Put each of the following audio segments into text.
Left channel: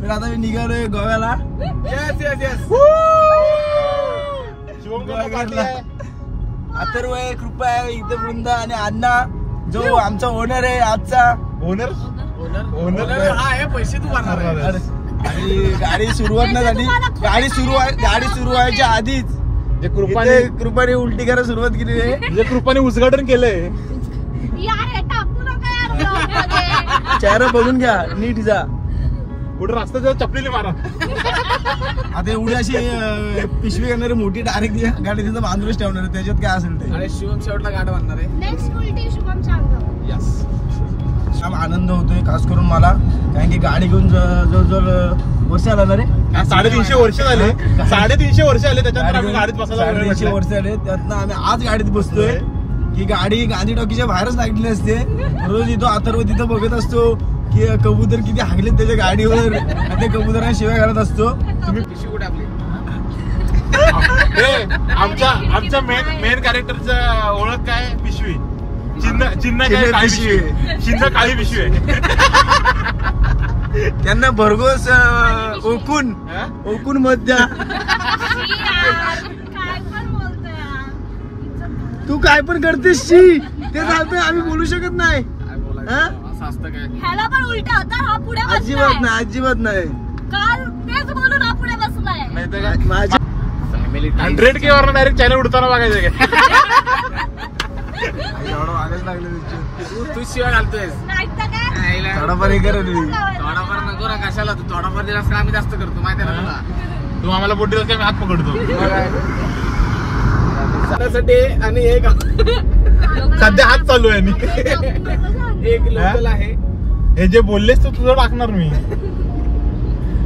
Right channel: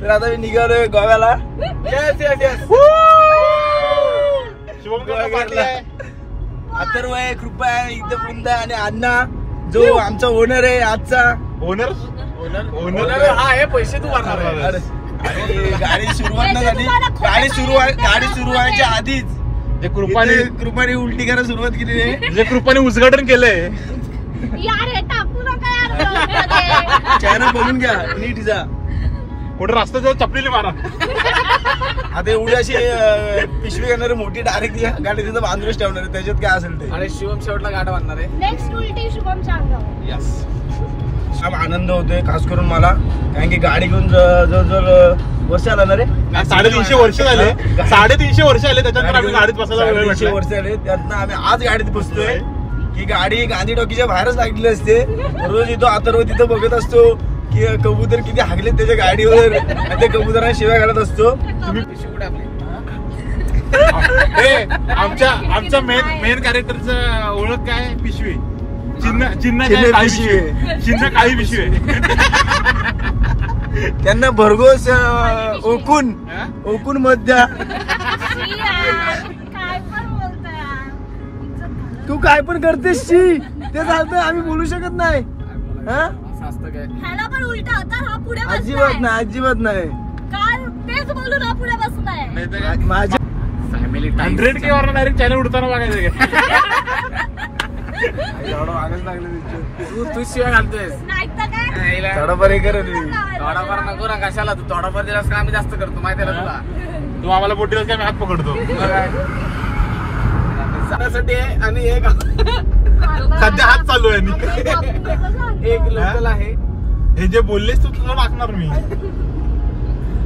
तर आता मी निघालोय गोव्याला. अथर्व आहे, कृपा आहे, इथे वृंदा आणि अण्णा जो आमचा ओनर आहे आजचा. ओनर हा आहे, पैसे तू भरणार आहे. गाडी सुरुवात नाही झाली, गाडी सुरू व्हायच्या आधीच जे कृपाने उलटी करायला सुरुवात केली आहे. जे कृपाने उद्घाटन केलंय. चेहरा बघून घ्या नीट जा. कुठे रस्त्याच्या चपलीली मारा. आता एवढी अशी पिशवी घेणार मोठी डायरेक्ट गाडी तिथं बांधूनच ठेवणार आहे, त्याच्यात काय असेल ते. आणि शिवम शेवटला गाडी बांधणार आहे. नेक्स्ट उलटी शुभम सांगा. खूप आनंद होतोय खास करून मला, कारण की गाडी घेऊन जवळजवळ वर्ष आला ना रे. 350 वर्ष झाले. 350 वर्ष आले त्याच्यानंतर आम्ही गाडीत बसायला. 350 वर्ष आले, त्यातनं आम्ही आज गाडीत बसतोय. की गाडी गांधी टॉकीच्या बाहेरच लागलेली असते. रोज इथं अथर्व तिथं बघत असतो की कबूतर किती हागले त्याच्या गाडीवर, आणि त्या कबुतरांना शिव्या घालत असतो. आमच्या मेन कॅरेक्टरचा ओळख काय? पिशवी. चिन्ह काय? काळी पिशवी. चिन्ह काळी पिशवी आहे. त्यांना भरघोस ओकून मध्ये. तू काय पण करतेस शी, ते चालतंय, आम्ही बोलू शकत नाही. ह्याला पण उलटा होता, हा पुढे अजिबात नाही, अजिबात नाही. काल तेच बोलून हा पुढे बसलाय. 100K वर डायरेक्ट चॅनल उडताना बघायचं काय? आगच लागलं तू शिवाय घालतोयस. नाही तर काय थोडाफार हे करेल. थोडाफार नको ना, कशाला तू थोडाफार दिलास का आम्ही जास्त करतो माहिती आहे तुला. तू आम्हाला बोट दिलास का आम्ही हात पकडतो. आणि एक सध्या हात चालू आहे. एक लोकल आहे. हे जे बोललेस तू तुझं टाकणार मी.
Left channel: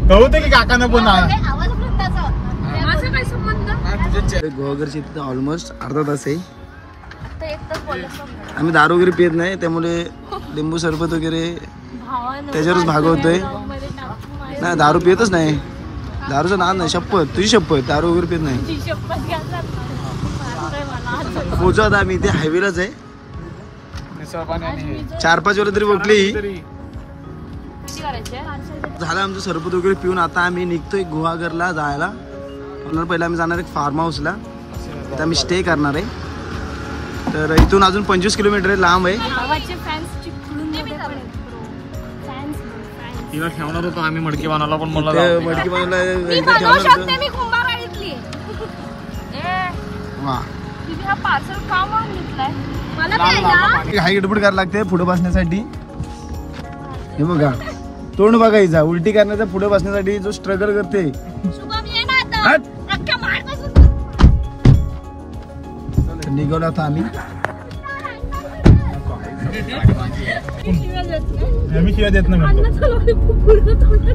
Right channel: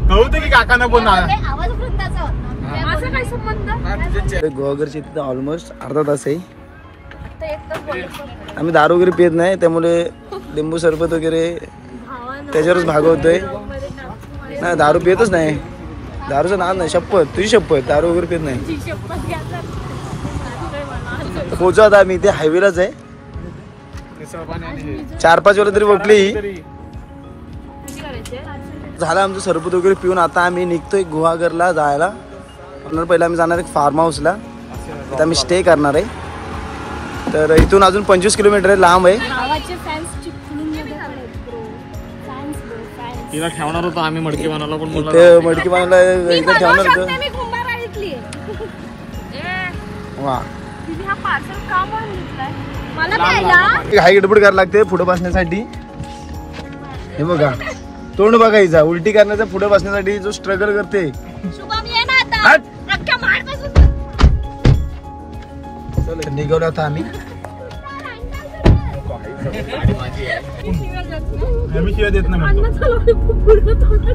कळवते की काकानं पण आवाज वृंदाचा होता. असं काय संबंध? गोवागरची तिथं ऑलमोस्ट अर्धा तास आहे. आम्ही दारू वगैरे पित नाही, त्यामुळे लिंबू सरबत वगैरे त्याच्यावरच भागवतोय. नाही दारू पितच नाही, दारूचं नाद नाही. शपथ, तुझी शपथ, दारू वगैरे पित नाही. पोहोचा आता आम्ही इथे हायवेलाच आहे. 4-5 वेळा तरी बघली. झालं आमचं सरबत वगैरे पिऊन आता आम्ही निघतोय गुहागरला जायला. म्हणून पहिला आम्ही जाणार आहे फार्म हाऊसला, तिथं आम्ही स्टे करणार आहे. तर इथून अजून 25 किलोमीटर लांब आहे. तिला ठेवणार होतो आम्ही मडकी बांधायला, पण मडकी बांधायला इथं ठेवणार होतं. वा घाई गडबड करायला लागते पुढे बसण्यासाठी. हे बघा तोंड बघायचा, उलटी करण्याचा पुढे बसण्यासाठी जो स्ट्रगल करते. निघालो आता आम्ही.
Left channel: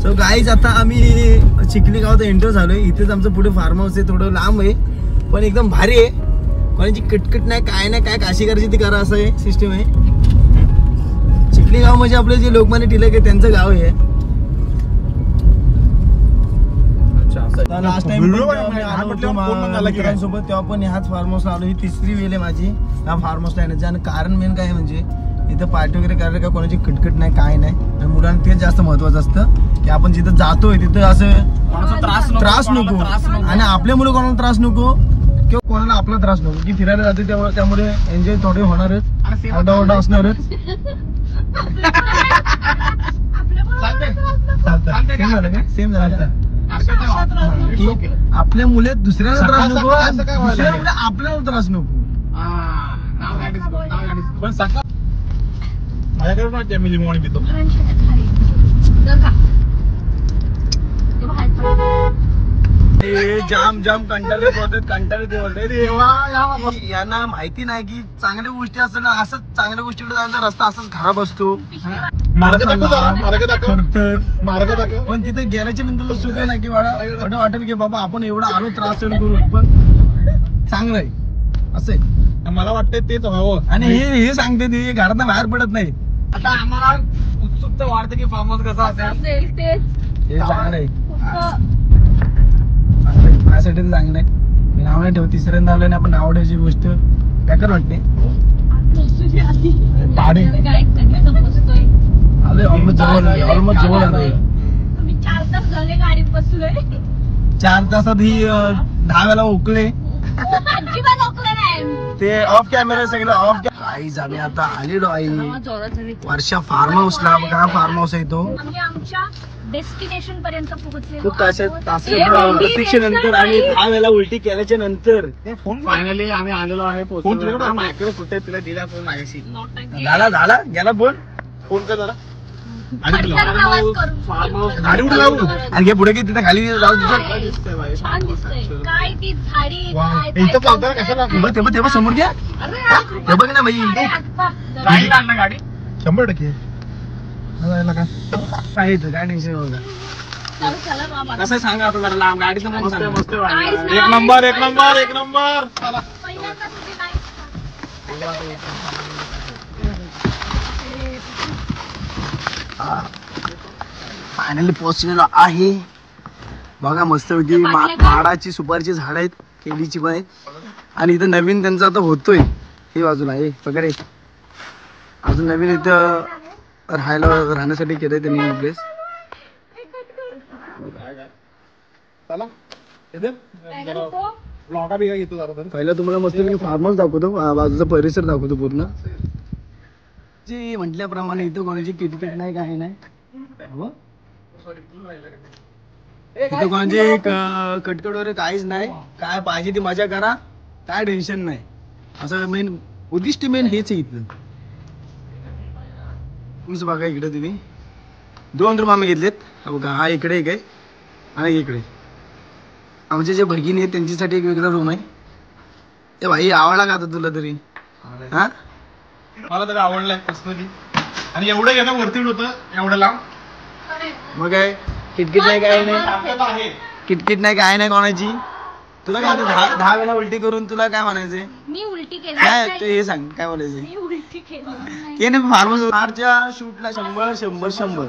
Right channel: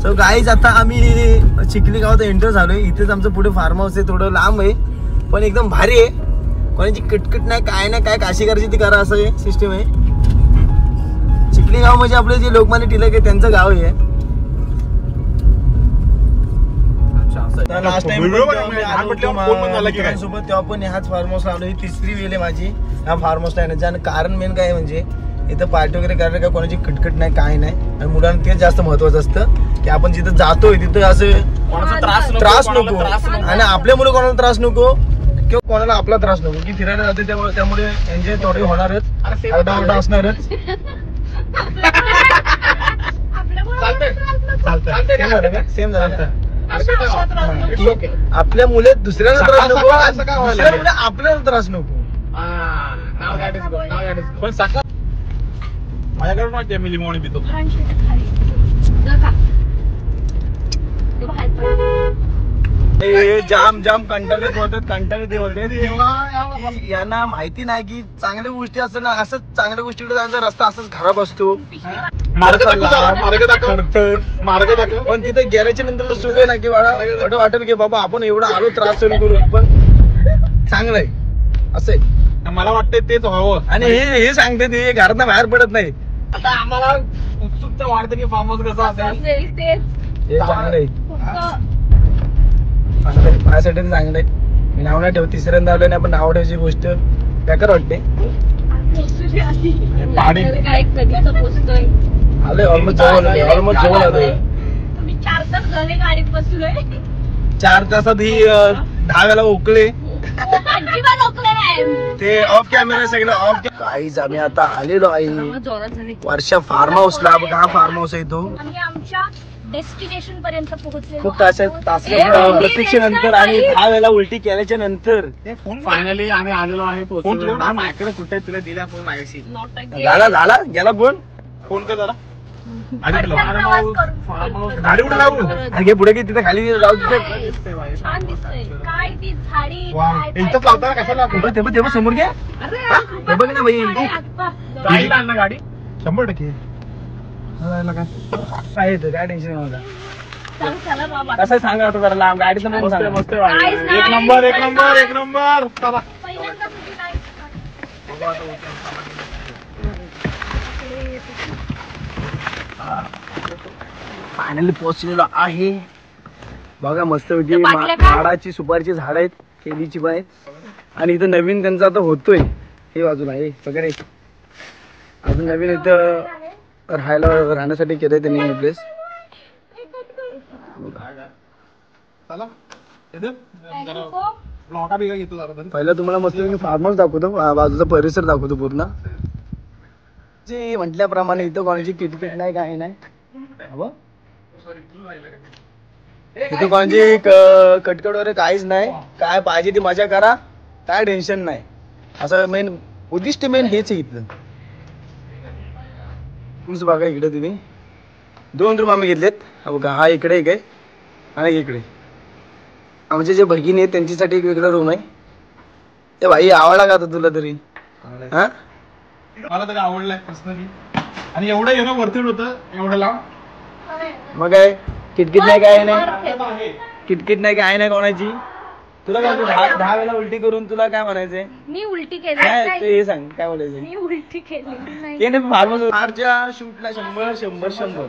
सो गाईज आता आम्ही चिखली गावात एंटर झालोय. इथेच आमचं पुढे फार्म हाऊस आहे, थोडं लांब आहे पण एकदम भारी आहे. कोणाची किटकिट नाही, काय नाही, काय काशी करायची ती करा, असं सिस्टम आहे. चिखली गाव म्हणजे आपले जे लोकमान्य टिळक आहे त्यांचं गाव आहे. लास्ट टाइम मित्रांसोबत तेव्हा पण ह्याच फार्म हाऊसला आलो. ही 3री वेळ आहे माझी ह्या फार्म हाऊसला येण्याची. आणि कारण मेन काय म्हणजे इथं पार्टी वगैरे करायला काय कोणाची किटकिट नाही, काय नाही. आणि मुलांना तेच जास्त महत्वाचं असतं की आपण जिथं जातोय तिथं असं त्रास नको, आणि आपल्यामुळे कोणाला त्रास नको किंवा कोणाला आपला त्रास नको. की फिरायला जाते त्यामुळे एन्जॉय थोडे होणारच, ओरडा असणारच. सेम झालं. आपल्या मुले दुसऱ्याला त्रास नको, आपल्याला त्रास नको. माझ्याकडे माहिती मी लिंबू पितो. जाम कंटाळे बोलतात. यांना माहिती नाही की चांगल्या गोष्टी असतात ना, असंच चांगल्या गोष्टीकडे जायचा रस्ता असंच खराब असतो. पण तिथे गेल्याच्या नंतर सुख आहे ना की वाटेल की बाबा आपण एवढा आलो त्रास सहन करू, पण चांगलं आहे असं आहे. मला वाटतं तेच व्हावं. आणि हे सांगते ते घरात बाहेर पडत नाही. आता आम्हाला उत्सुकता वाढते की फार्म हाऊस कसं असेल. हे चांगलं आहे, माझ्यासाठी चांगलं आहे. मी नाव नाही ठेव, तिसऱ्यांदा आलं नाही, आपण नाव ठेवायची गोष्ट बेकार वाटते. आलोय ऑलमोस्ट जवळ आलोय. 4 तास झाले गाडीत बसलोय. 4 तासात ही 10 वेळा ओकले. अजिबात ओकले नाही. ते ऑफ कॅमेरा सगळं ऑफ. काहीच आम्ही आता आलेलो आहे वर्षा फार्म हाऊसला. बघा हा फार्म हाऊस आहे तो. आम्ही आमच्या डेस्टिनेशन पर्यंत पोहोचलेलो. खूप प्रतीक्षेनंतर आणि 10 वेळा उलटी केल्याच्या नंतर फायनली आम्ही आलेलो आहे. फोन माझ्याकडे कुठे तुला दिला फोन मागायची. झाला गेला फोन. फोन कर जरा. गाडी कुठे लावू? आणि पुढे की तिथे खाली जाऊ तिथे. छान दिसतंय. काय ती झाडी इथं लावताना कशाला तेव्हा समोर घ्या. हे बघ ना भाई गाडी आण ना गाडी 100%. काय येतं काय टेन्शन नव्हतं. चला बाबा. कसं सांगा आता जरा लांब गाडीचं पण सांगा. मस्त एक नंबर चला. पहिल्यांदा तुम्ही काय फायनली पोहोचलेलो आहे. बघा मस्त पैकी माडाची सुपारीची झाड आहेत, केळीची पण आहेत. आणि इथं नवीन त्यांचा आता होतोय हे बाजूला हे वगैरे. अजून नवीन इथं राहण्यासाठी केलंय त्यांनी प्लेस. पहिला तुम्हाला मस्त फार्म हाऊस दाखवतो, बाजूचा परिसर दाखवतो पूर्ण. जे म्हटल्याप्रमाणे इथं कोणाची किटकिट नाही काही नाही. इथं कोणाची कटकट वगैरे काहीच नाही. काय पाहिजे ती मजा करा, काय टेन्शन नाही. असं मेन उद्दिष्ट हेच आहे इथलं. तुम्हीच बघा इकडे तुम्ही 2 रूम आम्ही घेतलेत. हा बघा हा इकडे एक आहे आणि इकडे आमचे जे भगिनी आहेत त्यांच्यासाठी एक वेगळा रूम आहे. ते भाई आवडला का आता तुला तरी? हा मला तरी आवडलाय पर्सनली. आणि एवढं येणं वरती होतं एवढं लांब. मग काय किटकिट नाही काय नाही, किटकिट नाही काय नाही कोणाची. तुला काय 10 वेळा उलटी करून तुला काय म्हणायचंय? मी उलटी केली काय नाही. ते हे सांग काय बोलायचं? मी उलटी केली नाही. हे नाही फार्मस मार्चच्या शूटला 100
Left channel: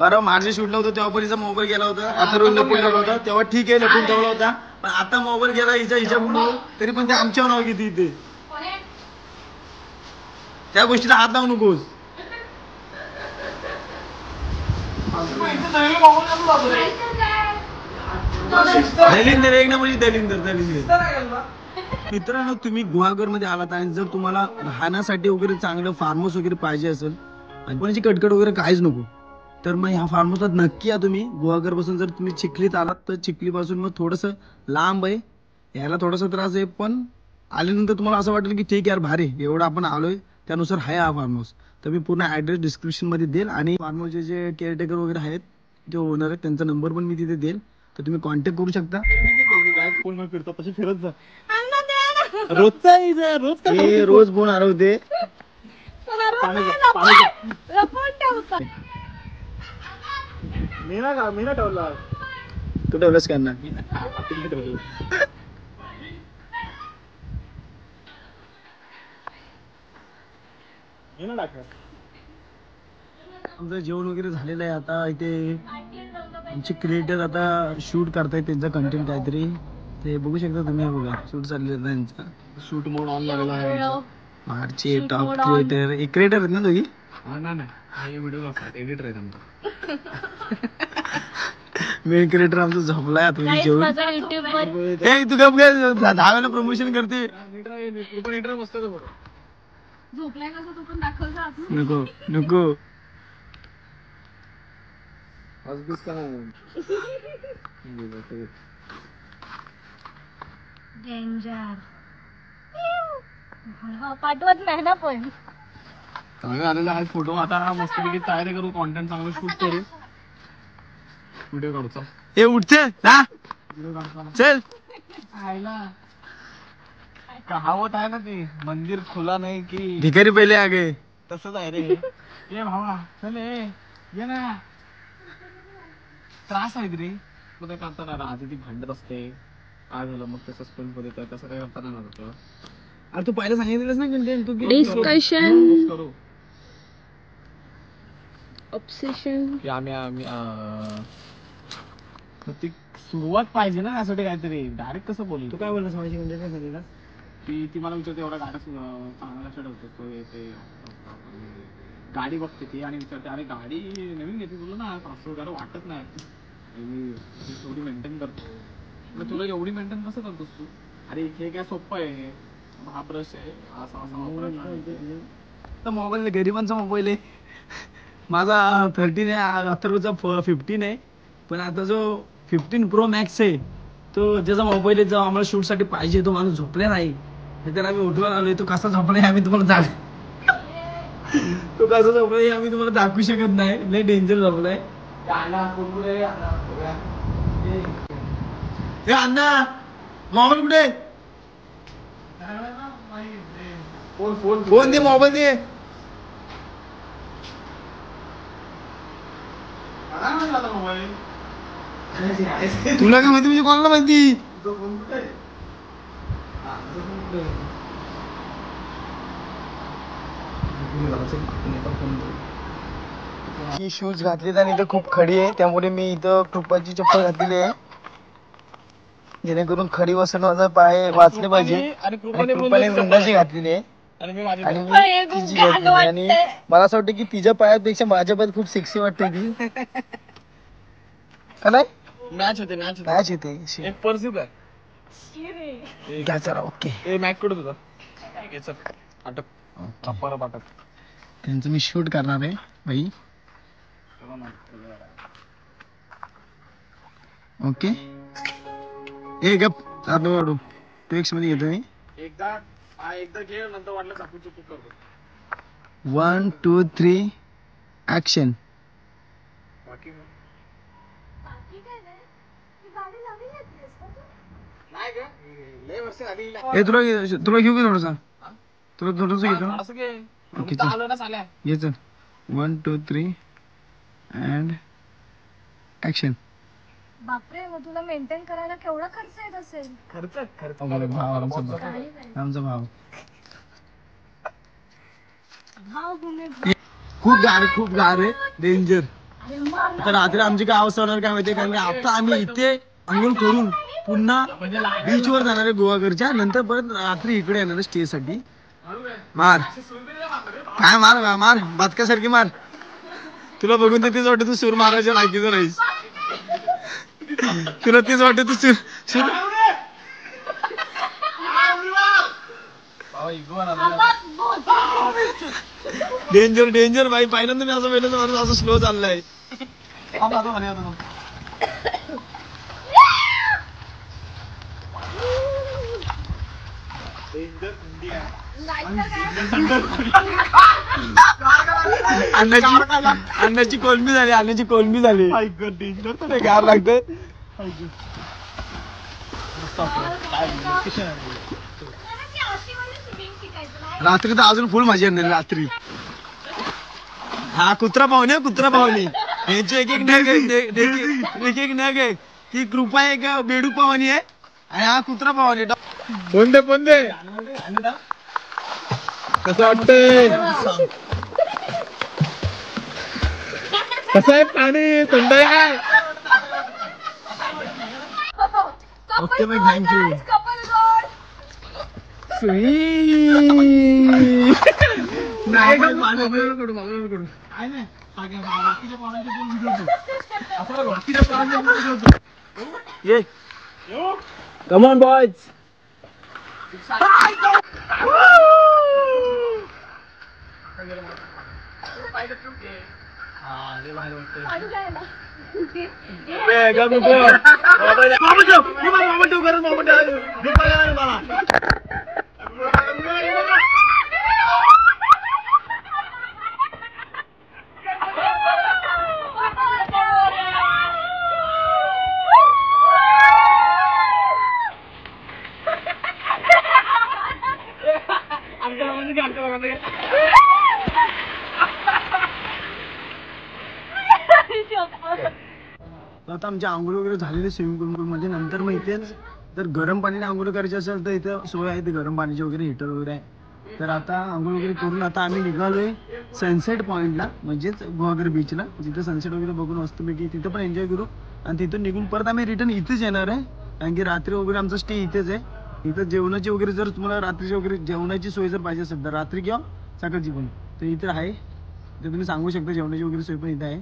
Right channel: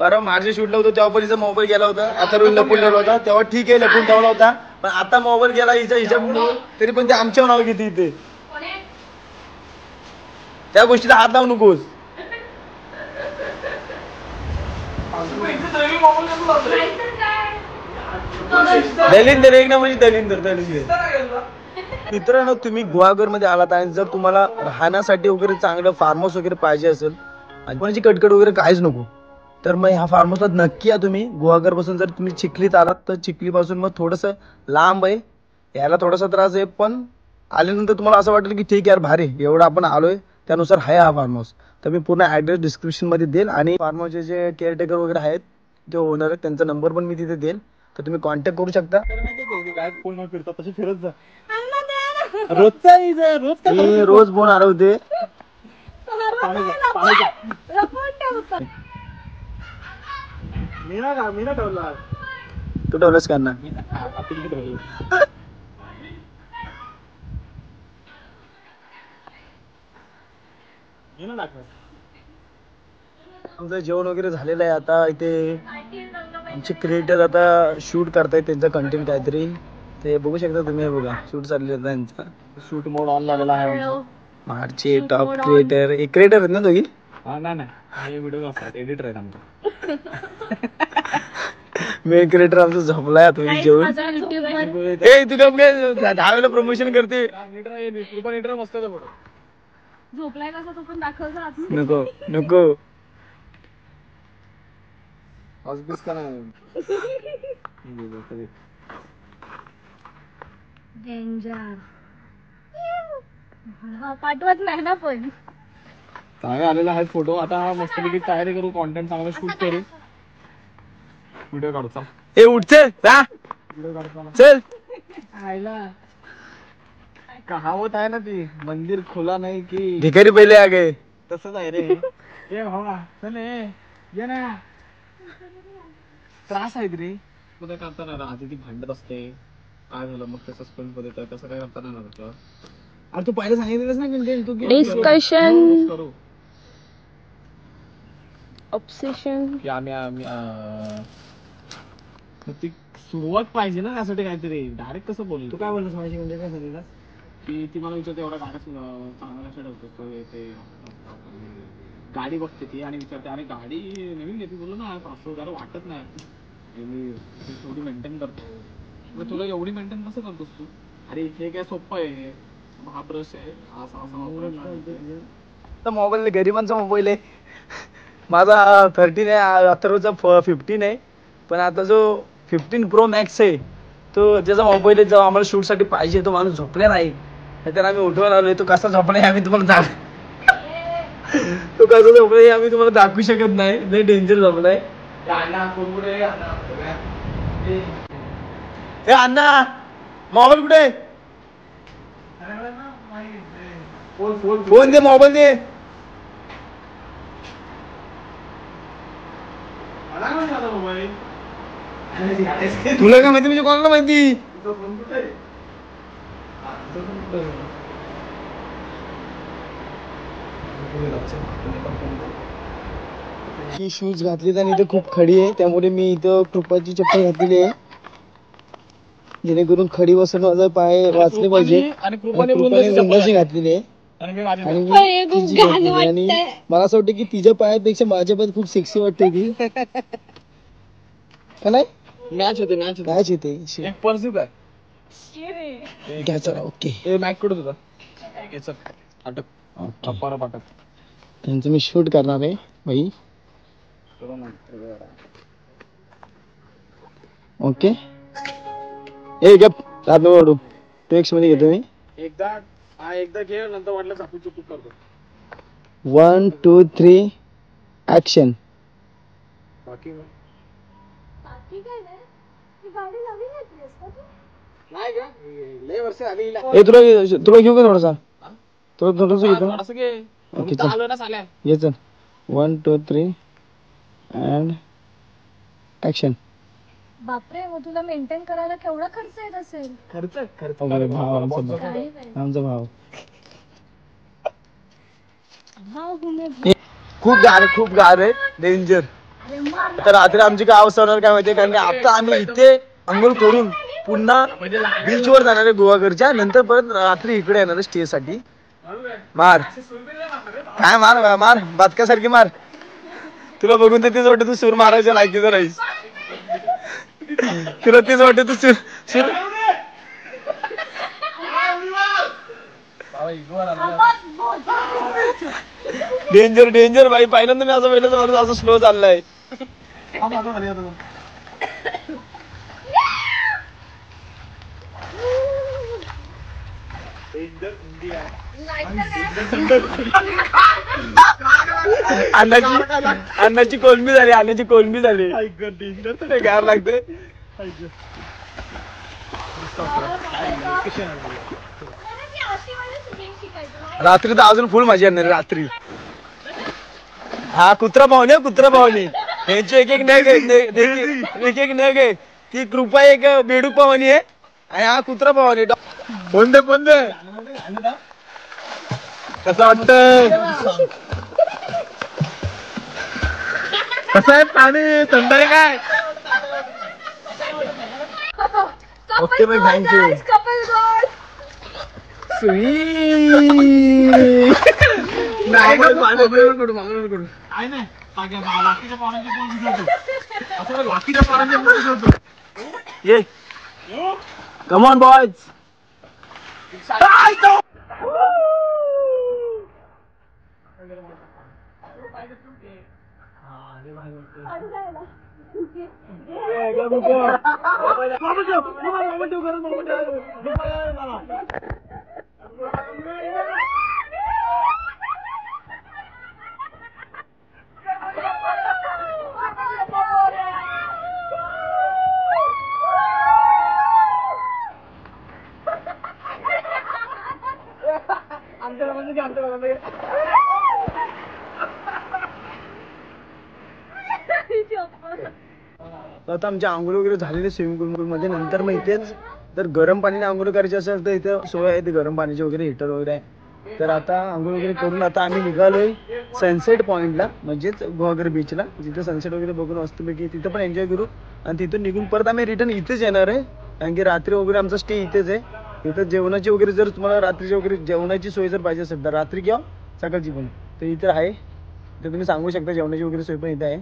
परवा मार्चच्या शूटला होतं तेव्हा पण हिचा मोबाईल गेला होता. आता रोज लपून ठेवला होता तेव्हा ठीक आहे, लपून ठेवला होता. पण आता मोबाईल गेला हिच्या पुढे तरी पण ते आमच्यावर नाव घेते इथे. त्या गोष्टीला हात लावू नकोस. दलिंदर एक ना म्हणजे दलिंदर. मित्रांनो तुम्ही गुहागर मध्ये आलात आणि जर तुम्हाला राहण्यासाठी वगैरे चांगलं फार्म हाऊस वगैरे पाहिजे असेल आणि कोणाची कटकट वगैरे काहीच नको तर मग ह्या फार्म हाऊसला नक्की या तुम्ही. गुहागर पासून जर तुम्ही चिखलीत आलात तर चिखली पासून मग थोडंसं लांब आहे, यायला थोडासा त्रास आहे. पण आल्यानंतर तुम्हाला असं वाटेल की ठीक यार भारी एवढं आपण आलोय त्यानुसार आहे हा फार्म हाऊस. तर मी पूर्ण ऍड्रेस डिस्क्रिप्शन मध्ये देईल आणि फार्म हाऊसचे जे केअरटेकर वगैरे आहेत ते ओनर आहेत त्यांचा नंबर पण मी तिथे देईल, तर तुम्ही कॉन्टॅक्ट करू शकता. फोन फिरतात तसे फिरत जा. रोजचा रोज फोन हरवते. मी ना ठेवला. तू ठेवलंस का ना? आमचं जेवण वगैरे झालेलं आहे. आता इथे आमचे क्रिएटर आता शूट करतायत त्यांचा कंटेंट काहीतरी, ते बघू शकता तुम्ही. हे बघा शूट चाललेलं आहे त्यांचा. शूट मोड ऑन झालेला आहे. मार्चचे टॉप क्रिएटर एक क्रिएटर आहेत ना तुम्ही? हा नाही व्हिडिओ एडिटर आहेत आमचा. मेन क्रिएटर आमचा झोपलाय तुम्ही जेवण. ए तू कम काय 10 वेळा प्रमोशन करते. मस्त झोपलाय कसा तो पण दाखवला. नको नको डेंजर पाठवत नाही ना पण. चांगला आलेला आहे फोटो. आता मस्तपैकी तयारी करू, कॉन्टेंट चांगलं शूट करू, व्हिडिओ काढू. ए उठचे जा चल. कहावत आहे ना ती, मंदिर खुला नाही की भिकारी पहिले आ गए. तसंच आहे रे. ये भावा चल ये ना. त्रास आहेत रे मध्ये करताना. आधी ती भांडत असते काय झालं मग तसं स्पेंड मध्ये तसं काय करताना नव्हतं. अरे तू पहिला सांगितलंस ना तू डिस्कशन करू ऑब्सेशन की आम्ही ती सुरुवात पाहिजे ना त्यासाठी काहीतरी. डायरेक्ट कसं बोलू? तू काय बोललास माझी म्हणजे काय सांगितलं? ती मला विचारते एवढा गाणं चांगला ठरवतो ते गाडी बघते ती आणि विचारते अरे गाडी नवीन घेते तुला ना 500,000 वाटत नाही मी एवढी मेंटेन करतो मग तुला एवढी मेंटेन कसं करतोस तू अरे हे काय सोपं आहे हा ब्रश आहे असा असा मोबाईल गरिबांचा मोबाईल आहे माझा 13 आहे अथर्वचा 15 आहे पण आता जो 15 Pro Max आहे तो ज्याचा मोबाईल आहे जो आम्हाला शूट साठी पाहिजे तो माणूस झोपला नाही नाहीतर आम्ही उठवून आलोय तो कसा झोपलाय आम्ही तुम्हाला तो कसा झोपलाय आम्ही तुम्हाला दाखवू शकत नाही लय डेंजर झोपलाय अण्णा मोबाईल कुठे फोन दे मोबाईल दे तुला काय माहिती म्हणजे कोणाला माहिती ही शूज घातलीत आणि इथं खूप खडी आहे त्यामुळे मी इथं कृपाची चप्पल घातलेली आहे जेणेकरून खडी बसून माझा पाय वाचले पाहिजे आणि कृपाने वृंदाची घातलेली आहे आणि मी तिची घातलेली आहे आणि मला असं वाटतं की तिच्या पायापेक्षा माझ्या पायात खूप सेक्सी वाटते ती का नाही मॅच होते मॅच येते एक परस्यू काय घ्या चला ओके मॅच कुठं तुझा अटक त्यांचं मी शूट करणार आहे भाई ओके ए गप साधू वाढू टेक्स्ट मध्ये घेतो मी एकदा घे नंतर वाटलं चाकू चुकू करतो 1 2 3 ऍक्शन बाकी तुला घेऊ का थोडासा थोडस घेतो ओके चल ये चल 1 2 3 अँड ऍक्शन बापरे मग तुला मेंटेन करायला केवढा खर्च येत असेल खर्च भाव आमचा भाव खूप गार आहे डेंजर तर रात्री आमची काय अवस्था होणार काय माहिती कारण की आता आम्ही इथे अंघोळ करून पुन्हा बीच वर जाणार आहे गोवाघरच्या नंतर परत रात्री इकडे येणार स्टे साठी मार काय मार बातकासारखी मार तुला बघून तर तेच वाटत तू सूर मारायच्या लायकीचं राहीस तुला तेच वाटत तू सूर डेंजर भाई पहिल्यांदा मी असं पहिल्यांदा माणूस असं स्लो चाललाय अन्नाची कोलंबी झाली गार लागते रात्री तर अजून फुल मजा येणार रात्री हा कुत्रा पाहुणे यांचे एक नग आहे ती कृपा एक बेडूक पाहुणी आहे आणि हा कुत्रा पाहुणे फोन दे कसं वाटतंय कसं आहे पाणी थंड आहे काय ओके बाई थँक्यू Come on, boys. आता आमच्या आंघोळ वगैरे झालेले स्विमिंग पूल मध्ये नंतर मग इथेच जर गरम पाण्याने आंघोळ करायची असेल तर इथे सोय आहे गरम पाण्याची वगैरे हिटर वगैरे आहे तर आता आंघोळ वगैरे करून आता आम्ही निघालोय सनसेट पॉइंटला म्हणजेच गोवाघर बीचला जिथे सनसेट वगैरे बघून मस्तपैकी तिथं पण एन्जॉय करू आणि तिथून निघून परत आम्ही रिटर्न इथेच येणार आहे कारण की रात्री वगैरे आमचा स्टे इथेच आहे इथं जेवणाची वगैरे जर तुम्हाला रात्रीची वगैरे जेवणाची सोय जर पाहिजे असेल तर रात्री किंवा सकाळची पण तर इथं आहे तर तुम्ही सांगू शकता जेवणाची वगैरे सोय पण इथे आहे.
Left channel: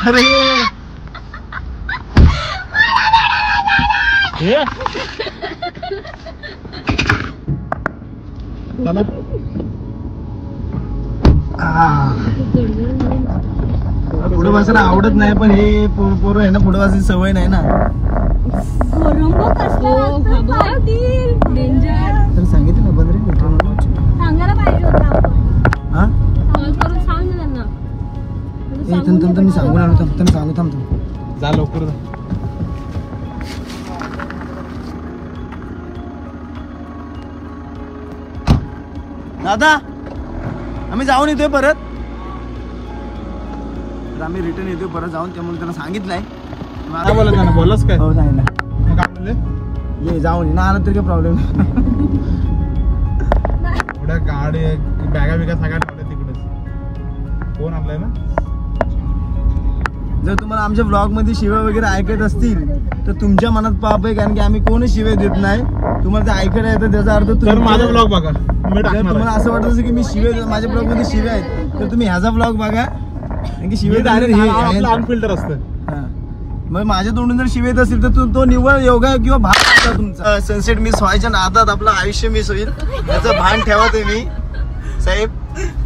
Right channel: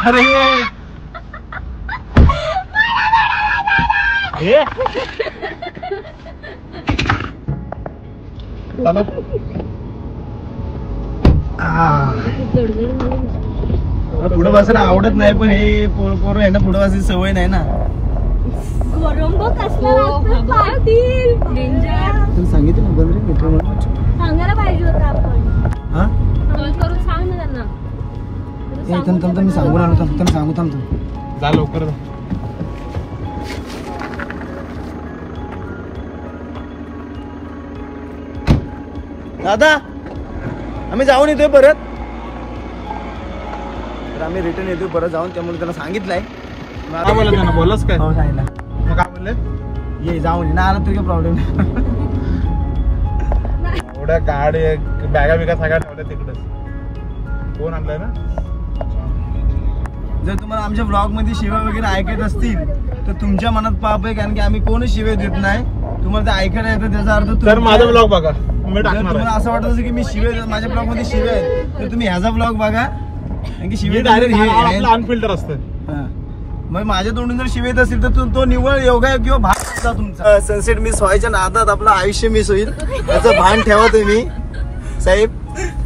अरे पुढे बसायला आवडत नाही पण हे पोरं आहे ना पुढे बसायची सवय नाही ना. सांगितलं ना बंद रे मित्रांनो सांगायला पाहिजे होतं आपण. हा सांग ना त्यांना. मी सांगून आलो त्यांना सांगू थांबतो. जा लवकर जा. दादा आम्ही जाऊन येतोय परत. तर आम्ही रिटर्न येतोय परत जाऊन त्यामुळे त्यांना सांगितलंय. काय म्हणलं त्यांना बोलच काय सांगितलं मग काय म्हणले ये जाऊन ये ना आला तरी काही प्रॉब्लेम नाही. एवढ्या गाडी बॅगा बिगा सगळ्या ठेवल्या तिकडे कोण आणलाय ना. जर तुम्हाला आमच्या ब्लॉग मध्ये शिव्या वगैरे ऐकत असतील तर तुमच्या मनात पाप आहे कारण की आम्ही कोणच शिव्या देत नाही. तुम्हाला ते ऐकायला येतं त्याचा अर्थ तर माझा ब्लॉग बघा. जर तुम्हाला असं वाटत असेल की मी शिव्या माझ्या ब्लॉग मध्ये शिव्या आहेत तर तुम्ही ह्याचा ब्लॉग बघा कारण की शिव्या ऑन फिल्टर असतं. मग माझ्या तोंडून जर शिव्या येत असेल तर तो निव्वळ योगा किंवा भान असता तुमचा. सनसेट मिस व्हायच्या नादात आपलं आयुष्य मिस होईल याचं भान ठेवा तुम्ही साहेब.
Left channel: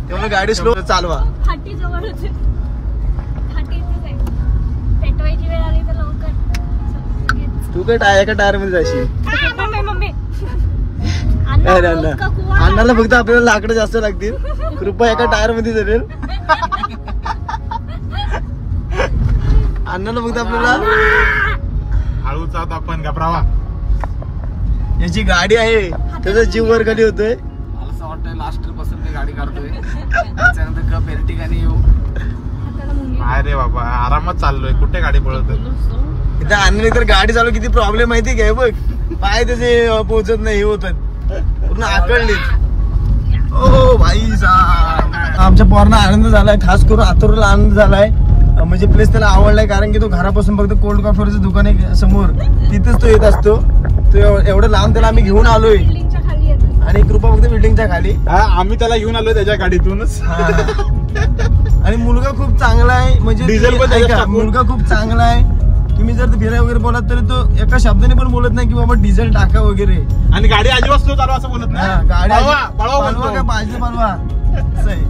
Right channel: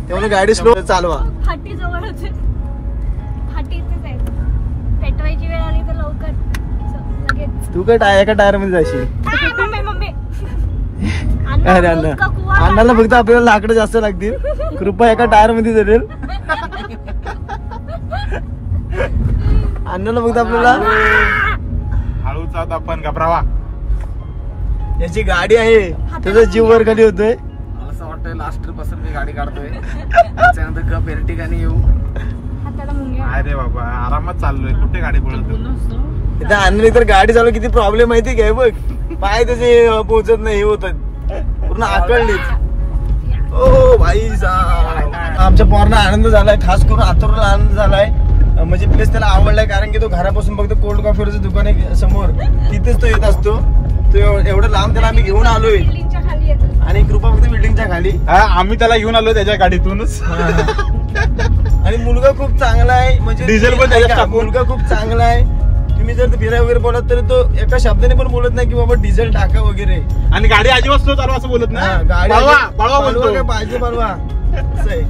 त्यामुळे गाडी स्लो चालवा. फाटी जवळच आहे. फाटी इथेच आहे. पेटवायची वेळ आली तर लवकर लगेच. तू काय एका टायर मध्ये जाशील. मम्मी अन्नाला फक्त आपल्याला लाकडं जास्त लागतील. कृपया एका टायर मध्ये जरेल. अन्नाला फक्त आपल्याला हळूचा आपण घबरावा. याची गाडी आहे त्याचा जीव वर खाली होतोय. मला असं वाटतंय लास्ट पासून मी गाडी काढतोय त्याच्यानंतर कप एर्टिगाने येऊ. अरे बाबा आरामात चाललोय कुठे गाडी पळत. इथं आणली तर गाडी चालू किती प्रॉब्लेम माहिती काय बघ. पाय त्याचे पोहोचत नाही हे होत पूर्ण आकळलीत. ओ भाई साहेब आमच्या पोरांना आनंद झालाय. खास करून आतुरला आनंद झालाय म्हणजे प्लेस त्याला आवडलाय कारण की तो घरापासून फक्त कोल्ड कॉफीवरचं दुकान आहे समोर तिथेच तो येत असतो. तो एवढं लांब त्याला आम्ही घेऊन आलोय बिल्डिंगच्या खाली येतं. आणि कृपा फक्त बिल्डिंगच्या खाली. आम्ही त्याला घेऊन आलो त्याच्या गाडीतूनच. आणि मुलगा खूप चांगला आहे म्हणजे डिझेल पण ऐका, टाकून. मुलगा खूप चांगला आहे. तुम्ही जर फिराय वगैरे बोलत तरी तो एका शब्दाने पण बोलत नाही की बाबा डिझेल टाका वगैरे. आणि गाडी अजिबात स्लो चालू असं बोलत हा, नाही. गाडी पळवा पळवा बोलतो. का पाहिजे पळवा असं आहे.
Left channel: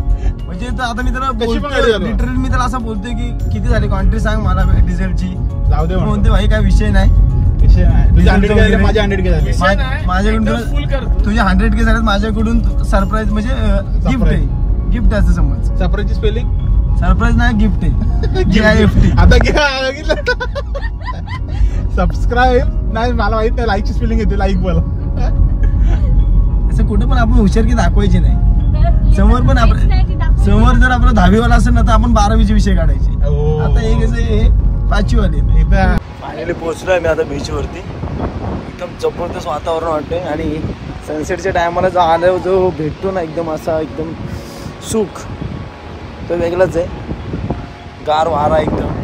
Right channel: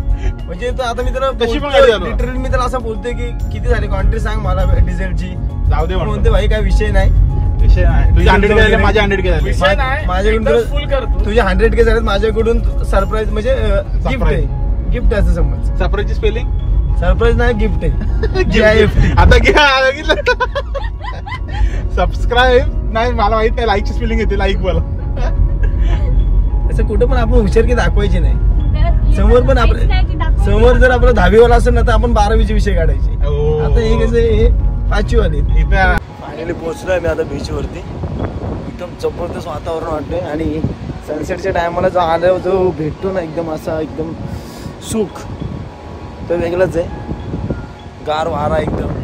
म्हणजे तर आता मी त्याला कशी पण गाडी बोलतोय चालवा. लिटरली मी त्याला असं बोलतोय की किती झाली क्वांटिटी सांग मला डिझेलची. जाऊ दे म्हणतो. म्हणते भाई काय विषय नाही. विषय नाही. तुझे डिझेलचं 100K झाले, वगैरे. माझे 100K झाले. माझ्याकडून तुझे 100K झालेत माझ्याकडून सरप्राईज म्हणजे गिफ्ट आहे. गिफ्ट असं समज. सफरची स्पेलिंग सरप्राईज नाही गिफ्ट आहे. GIFT. आता घ्या सबस्क्राईब नाही मला माहित नाही. लाईकची स्पेलिंग येते लाईक मला. असं कुठं पण आपण हुशारकी दाखवायची नाही. तर समोर पण माहित नाही ती आपण दाखवायची. समोर जर आपलं 10वी वाला असेल ना तर आपण 12वीचे विषय काढायचे. ओ. आता हे कसे 5वी वाले. इथं फायनली पोहोचलोय मी आता बीच वरती. एकदम जबरदस्त वातावरण वाटतंय आणि सनसेटच्या टायमाला जो आल्यावर जो भेटतो ना एकदम असा एकदम सुख तो वेगळाच आहे. गार वारा एकदम